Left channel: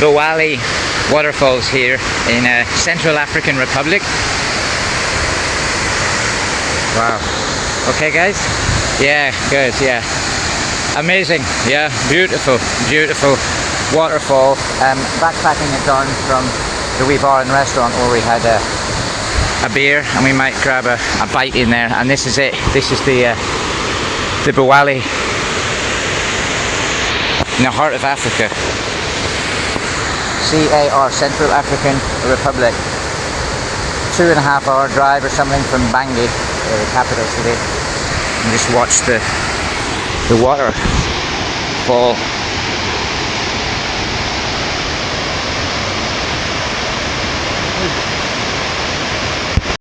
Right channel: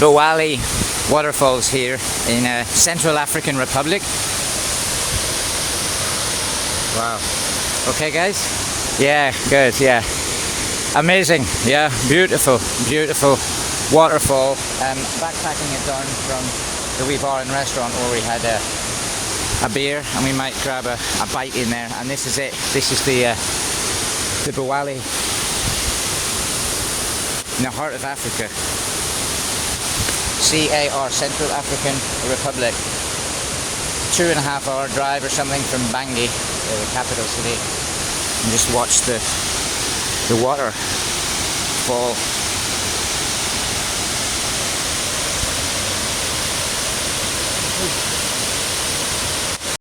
Boali Waterfalls here in Central African Republic. Wow. Okay guys? Yeah, good, yeah. Amazing, yeah, beautiful, beautiful waterfall. Backpacking at dawn from the wee bar and restaurant where we had a beer, and we might grab a bite in there. And this is it. This is the Boali in the heart of Africa. CAR, Central African Republic. 2.5 hour drive or something from Bangui, the capital city. And just watch the water fall